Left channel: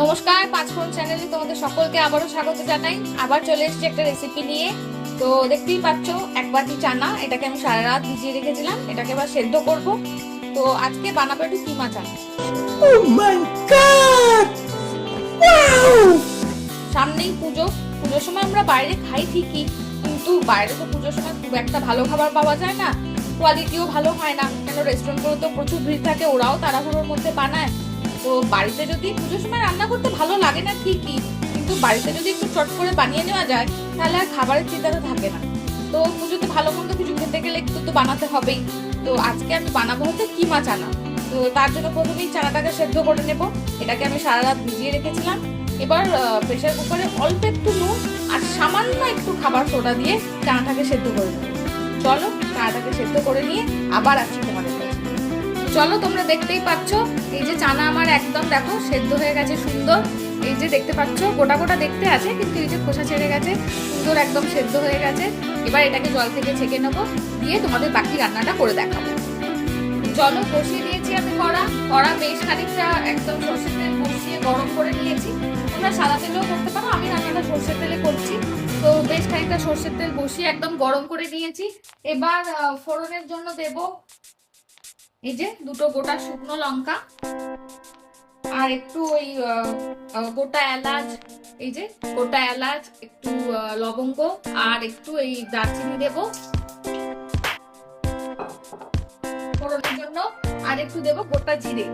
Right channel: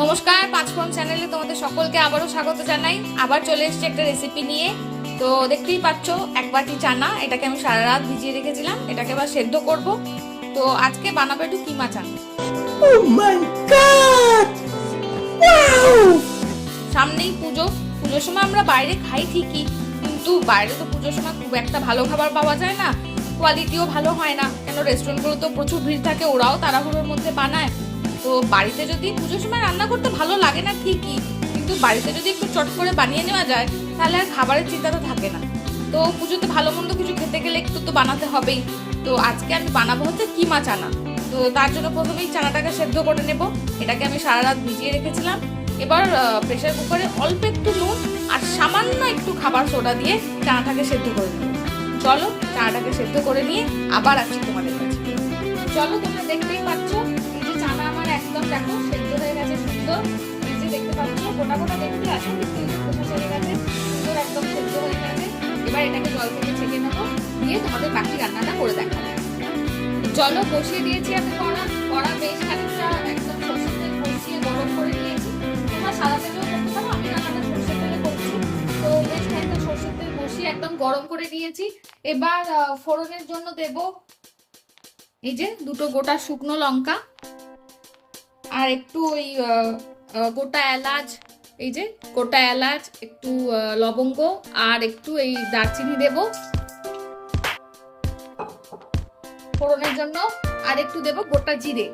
নমস্কার পাঁচফোড়ন চ্যানেলে তোমাদের সকলকে আবারও স্বাগত জানাই। আবার চলে এসেছি একটা রেসিপি নিয়ে। তো দেখতেই পাচ্ছ এক বাটি চানা এটাকে আমি সারা রাত ভিজিয়ে রেখেছিলাম এটাকে এবার সেদ্ধ করব। তো আজকে বানাবো একটু কিমা চানা। Oh! সামনেই পুজো। পুজোর সময় আমরা বাইরে খাই ঠিকই কিন্তু বাইরে তো পুজোর সময় খুব একটা ভালো খাবার পাওয়া যায় না। কোয়ালিটিও ভালো হয় না। কেন রেস্টুরেন্টগুলো তো প্রচুর ভিড় থাকে ওরাও তাড়াহুড়োর মধ্যে বানায়। তো বাড়িতে যদি পুজোর সময় রান্না করতে ভালো লাগে না ঠিকই, কিন্তু বাড়িতে যদি একটু চট করে বানিয়ে নেওয়া যায়, তাহলে আর খাবারের চিন্তাটা থাকে না। তো পুজোতে ভালো মন্দ কিছু খেতে গেলে একটু তো বানাতে হবেই। তো আজকে আমি বানাবো হচ্ছে কিমা চানা। তো তার জন্য প্রথমেই চানাটাকে সেদ্ধ করে নেব। এটাকে আমি সারা রাত ভিজিয়ে রেখেছিলাম। এবার প্রেশার কুকারে অল্প একটু নুন আর সামান্য একটু খাবার সোডা দিয়ে চানাটাকে সেদ্ধ করে নেব। চলো, চানাটাকে সেদ্ধ করে নিয়ে আবার আসছি তোমাদের কাছে। চলো, তোমরা দেখতেই পাচ্ছ এই যে চানা আমার একদম দেখো সেদ্ধ হয়ে গেছে, সুন্দর। এই যে দেখতে পাচ্ছ, গোটা গোটা দেখতে আছে, কিন্তু এই যে খোসা ছেড়ে গেছে, সুন্দর একদম সেদ্ধ হয়ে গেছে। এবার এটাকে জল থেকে ছেঁকে নেব, দিয়ে তোমাদের বাকি রান্নাটা করে দেখাবো। চলো বসিয়ে দিয়েছি আমি কড়া কড়া বেশ খানিকটা একদম সরষের তেল গরম করে নিয়েছি। তোমরা সাদা তেলেও করতে পারো, আমি রান্নাটা সরষের তেলে করছি। তো বেশ খানিকটা সরষের তেল বসিয়ে একদম গরম করে নিয়েছি। এবার ফোড়নের জন্য দেব এই যে দুটো গোটা শুকনো লঙ্কা আর একটু ওই গোটা এলাচ এই যে গোটা এলাচ একটু লবঙ্গ আর একটু এই দারচিনি দেব। ফোড়নের জন্য আর একটু দেব গোটা জিরে।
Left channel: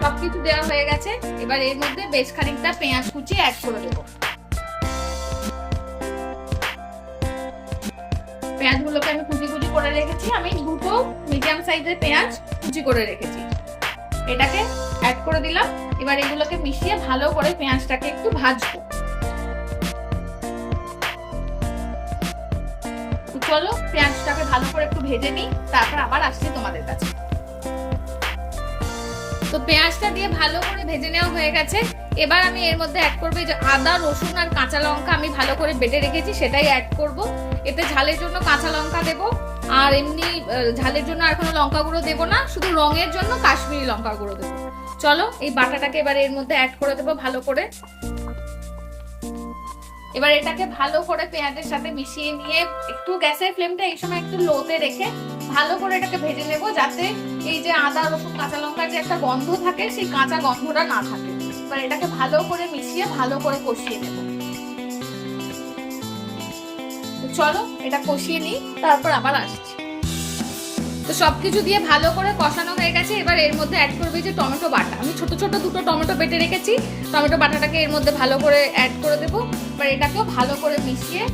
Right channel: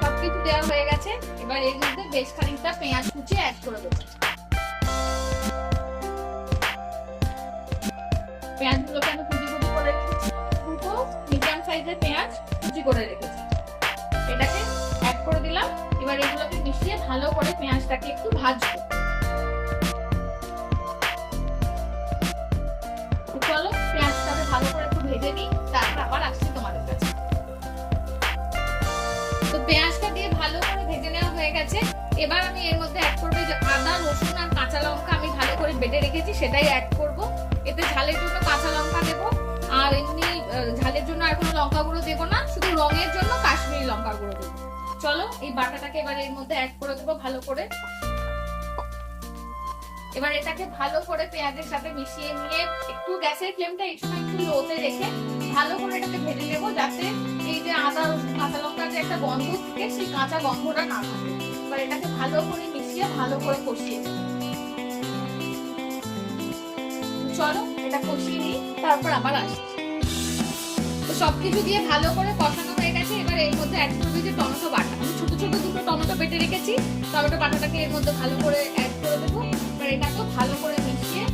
সবকিছু দেওয়া হয়ে গেছে। এবার এর মধ্যে বেশ খানিকটা পেঁয়াজ কুচি অ্যাড করে দেবো। পেঁয়াজগুলোকে আমি কুচি কুচি করে রেখেছি। আমি দুটো মিডিয়াম সাইজের পেঁয়াজ কুচি করে রেখেছি। এটাকে অ্যাড করে দিলাম। এবার এগুলোকে মিশিয়ে ভালো করে পেঁয়াজটাকে একটু ভাজবো। চলো, পেঁয়াজটাকে ভালো করে একটু ভেজে নিই, তারপর আবার আসছি তোমাদের কাছে। তো পেঁয়াজটা দিয়ে ভালো করে ভেজে নেওয়া হয়ে গেছে। এবার আমি এর মধ্যে অ্যাড করব যে আদা, রসুন আর কাঁচা লঙ্কা আমি ভালো করে বেটে রেখেছি, সেটাই অ্যাড করব। এতে ঝালের জন্য কাঁচা লঙ্কা দেব, আর এমনি ঝালের জন্য আর কোনো লঙ্কা গুঁড়ো দেবো না, শুধু রঙের জন্য কাশ্মীরি লঙ্কা গুঁড়ো দেবো। চলো, এই বাটাটাকে এবার এর মধ্যে অ্যাড করে দেবো ভালো করে। এবার এটাকে ভালো করে পেঁয়াজের সাথে মিশিয়ে নিয়ে একটু গ্যাসের ফ্লেমটা এই সময় একটু লোতে রেখে ভালো করে এটাকে ভেজে নেব, যাতে এই যে আদা, রসুন, কাঁচা লঙ্কার যে একটা গন্ধ থাকে, সেই কাঁচা গন্ধটা না থাকে। এবার এটাকে ভালো করে মিশিয়ে ভালো করে কষিয়ে নেব। চলো, এটা কষিয়ে নিই, তারপর আবার আসছি। তো সবকিছু দিয়ে ভালো করে কষানো হয়ে গেছে, এবার এর মধ্যে অ্যাড করবে যে টমেটো বাটা। আমি ছোট ছোট দুটো টমেটো বেটে রেখেছি, টমেটো বাটাটাকে এর মধ্যে ভালো করে অ্যাড করে দেবো, এবার এটাকেও ভালো করে মিশিয়ে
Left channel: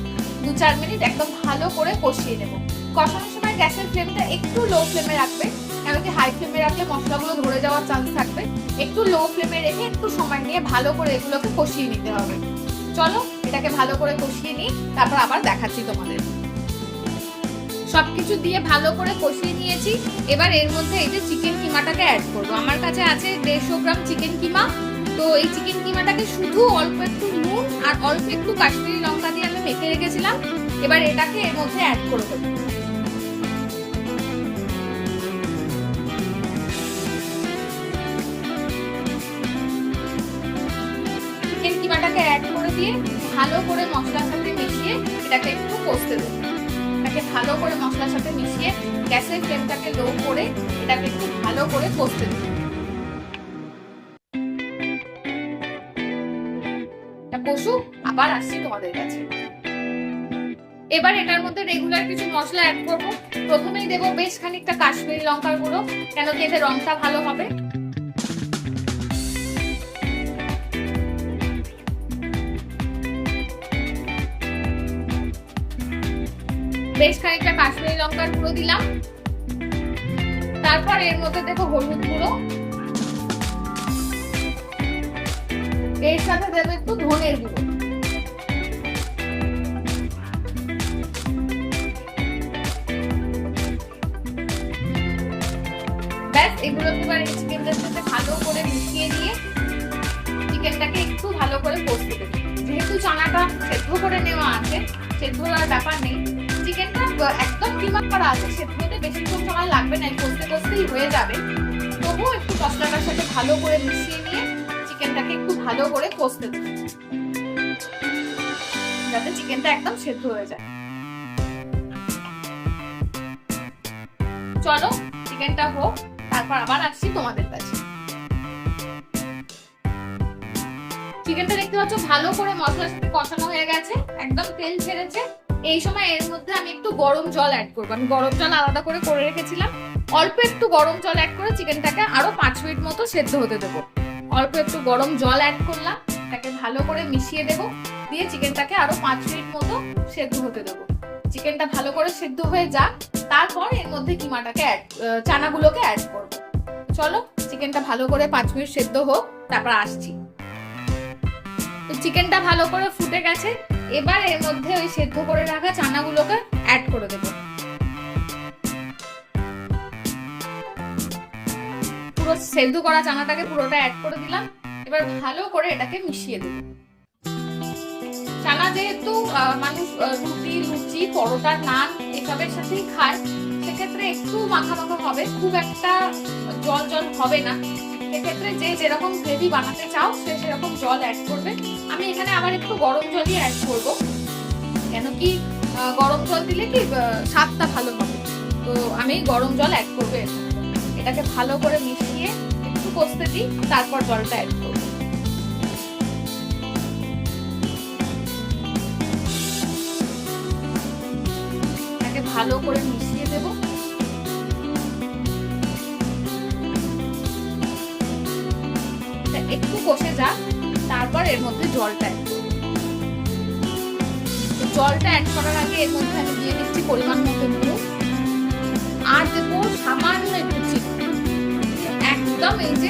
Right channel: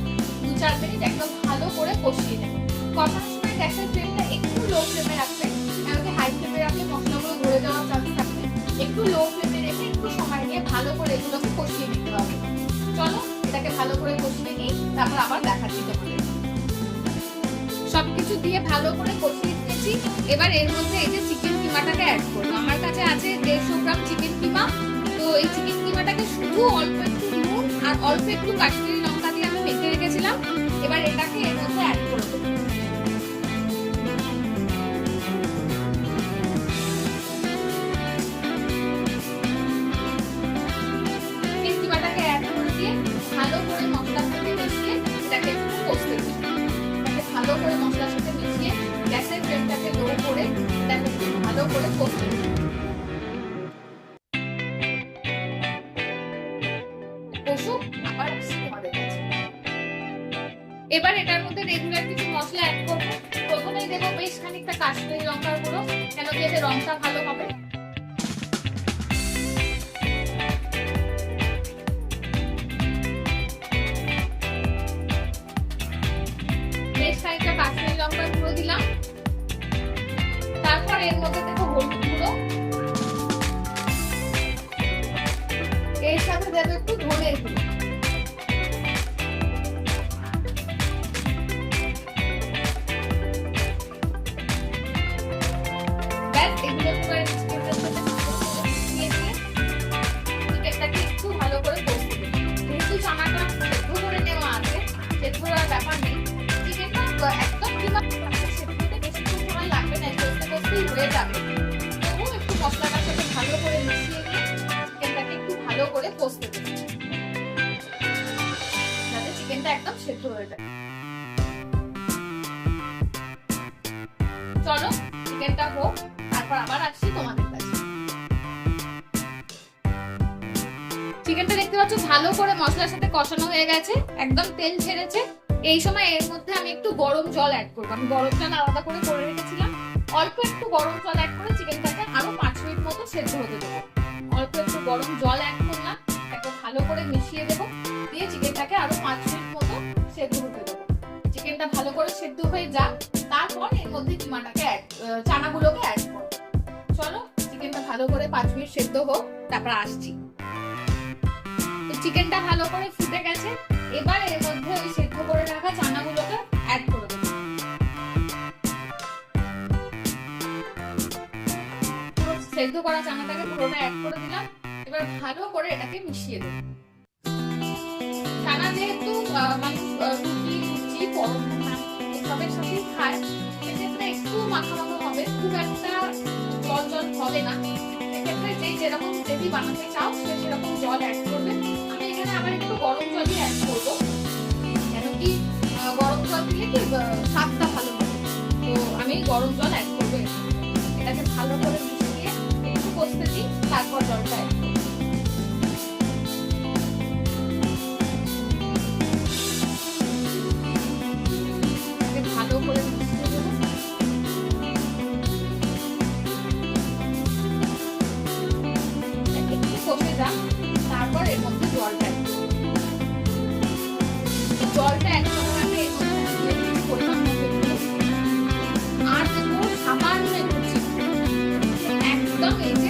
দু চার মিনিট একদম ভালো করে কষিয়ে দেবো কষানোর সময় গ্যাসের ফ্লেমটা একটু লো ফ্লেমে রাখবে কেন কি হাই ফ্লেমে রাখলে মশলাগুলো ধরে যাওয়ার চান্স থাকবে। একটু লো ফ্লেমে রেখে একটু সময় নিয়ে ভালো করে এগুলোকে কষিয়ে নিতে হবে। চলো এটাকে ভালো করে কষিয়ে নিই তারপর আবার দেখাচ্ছি তোমাদের। সবকিছু দিয়ে ভালো করে কষিয়ে নিয়েছি। এবার এর মধ্যে এই যে চিকেন কিমাটাকে অ্যাড করব। আমার কাছে আছে দেড়শো গ্রাম চিকেন কিমা। তো এই চিকেন কিমাটাকে শুধু অল্প একটু নুন আর অল্প একটু কাশ্মীরি লঙ্কা দিয়ে আমি মেখে রেখেছিলাম। এবার এটাকে এর মধ্যে অ্যাড করে দেবো। রেগুলার কিছু মশলা অ্যাড করব। প্রথমেই দেবো বেশ খানিকটা কাশ্মীরি লঙ্কার গুঁড়ো, কেন কি এতে রংটা ভালো হবে। বেশ খানিকটা কাশ্মীরি লঙ্কার গুঁড়ো দিলাম। তারপর এর মধ্যে দেবো হলুদ গুঁড়ো। এর সাথে দেবো একটু ধনের গুঁড়ো। এবার চিকেনটার সাথে ভালো করে মিশিয়ে নিয়ে চিকেনটাকে একটু ভালো করে কষতে দিই যেহেতু চানাটা সেদ্ধ করে নেওয়া আছে, সেদ্ধ করার ব্যাপার নেই। চিকেনটা একদম কিমা করা আছে মধ্যেই হয়ে যাবে। তবুও একটু মশলাটার সাথে ভালো করে মিশিয়ে নিয়ে চিকেনটাকে একটু ভালো করে কষতে দিই যাতে চিকেনটা একদম সেদ্ধ হয়ে যায়। চিকেনটা দেখতে পাচ্ছ, ভালো করে মশলার সাথে কষানো হয়ে গেছে, একদম তেল ছেড়েছে। এই সময় এর মধ্যে আমি একটু গরম জল অ্যাড করব। আমি গরম জল আলাদা করে করে রেখেছিলাম। অল্প একটু গরম জল অ্যাড করে চিকেনটাকে আরও পাঁচ মিনিট মতো সেদ্ধ হতে দেবো। অল্প একটু গরম জল অ্যাড করলাম, তাকে ভালো করে মিশিয়ে দেবো। দিয়ে চিকেনটাকে আরও পাঁচ মিনিট মতো সেদ্ধ হতে দেবো। চিকেনটা ভালো করে সেদ্ধ হয়ে যাক, তারপর এর মধ্যে কিমাটাকে অ্যাড চানাগুলোকে অ্যাড করব। চলো চিকেনটা ভালো করে পাঁচ মিনিট সেদ্ধ হোক, তারপর আসছি। চিকেনটা ভালো করে ফুটে গেছে, এবার এর মধ্যে ওই সেদ্ধ করে রাখা চানাগুলোকে অ্যাড করে দেবো। পুরো সেদ্ধ করা চানাটাকে পুরোটা অ্যাড করে দিলাম, এবার ভালো করে এটাকে মিশিয়ে দেবো। চানা যেহেতু মানুষ রুটি পরোটা নান এসবের সাথেই খায়, সেক্ষেত্রে একটু মাখা মাখা হবে, খুব একটা জল জল হবে না। সেক্ষেত্রে যে যেরকম গ্রেভি বানাতে চাও, সে সেরকম জল অ্যাড করবে। আমি এখানে আবার একটু গরম জলই অ্যাড করব। কেন কি গরম জল দিলে কি স্বাদটা ভালো হবে তো আমি গরম জল অ্যাড করব এটাকে ভালো করে মিশিয়ে একটু কষতে দিই, তারপর জলটা অ্যাড করব।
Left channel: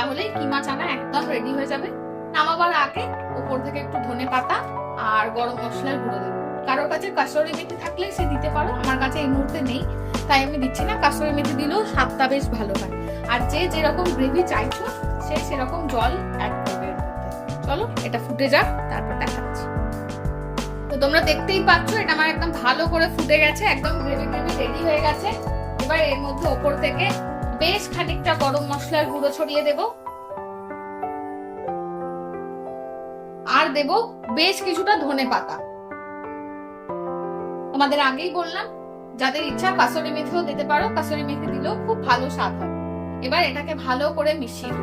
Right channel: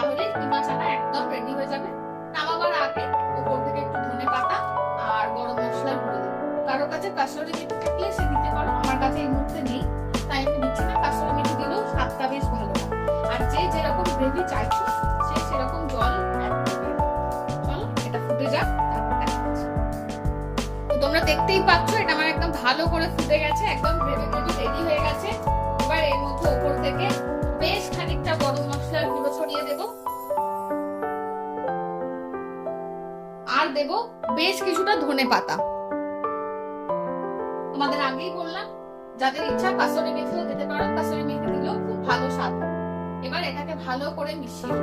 তাহলে কিমা চানা একদম রেডি হয়ে যাবে। নামাবার আগে উপর থেকে একটু ধনে পাতা আর গরম মশলার গুঁড়ো দেবো। কারোর কাছে কাসুরি মেথি থাকলে সে দিতে পারো, আমার কাছে এই মুহূর্তে নেই। তাই আমি দিচ্ছি না, কাসুরি মেথি দিলেও স্বাদটা বেশ ভালো হয়। আর যে যেরকম গ্রেভি চাইছো, সে সেরকম জল অ্যাড করবে। চলো, এটা ফুটে যাক, তারপর দেখাচ্ছি। তো তোমরা দেখতেই পাচ্ছ, এটা আমার একদম ভালো করে ফুটে গেছে, একদম গ্রেভি গ্রেভি রেডি হয়ে গেছে। এবার এর মধ্যে ওপর থেকে বেশ খানিকটা গরম মশলার গুঁড়ো ছড়িয়ে দেব। আর দেব বেশ কিছুটা ধনে পাতা। তোমাদের আগেই বললাম, যাদের ইচ্ছা কাসুরি মেথিও দিতে পারো, কাসুরি মেথি দিলেও খুব ভালো স্বাদ হয়। এবার এটাকে ভালো করে মিশিয়ে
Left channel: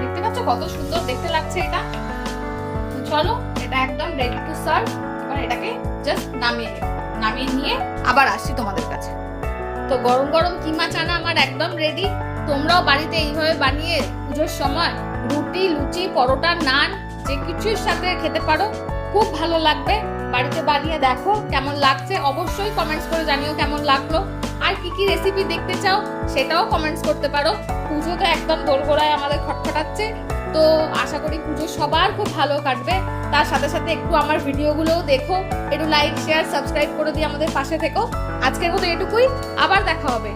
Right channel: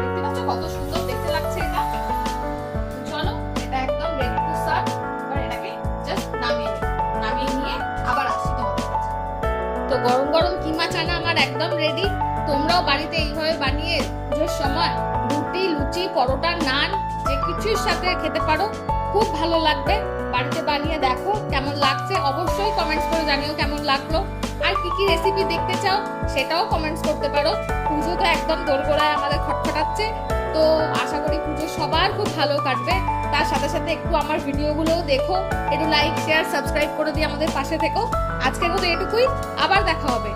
দেখতে পাচ্ছ কত সুন্দর দেখতে লাগছে এটা? চলো, এটা একদম রেডি টু সার্ভ এবার এটাকে জাস্ট নামিয়ে নামিয়ে নিয়ে আবার আসছি তোমাদের তো গরম গরম কিমা চানা আমার একদম রেডি তোমরাও বাড়িতে এইভাবে বানিয়ে পুজোর সময় রুটি, লুচি, পরোটা, নান, যে কিছুর সাথে খেতে পারো, খুব ভালো লাগবে। বাড়িতে বানিয়ে দেখো কেমন লাগছে। অবশ্যই কমেন্টস করে জানিও কেমন লাগল। আর কি কি রেসিপি দেখতে চাও সেটাও কমেন্টস করতে পারো। পুজো তো একদম দোরগোড়ায় আমাদের খটখটাচ্ছে। তো আশা করি পুজো সবার খুব ভালো কাটবে। তার সাথে সাথে একটু আমার ভিডিওগুলোও দেখো, একটু লাইক শেয়ার সাবস্ক্রাইব করে দিয়ে আমাদের পাশে থেকো। আজকের মতো এটুকুই, আবার দেখা হবে।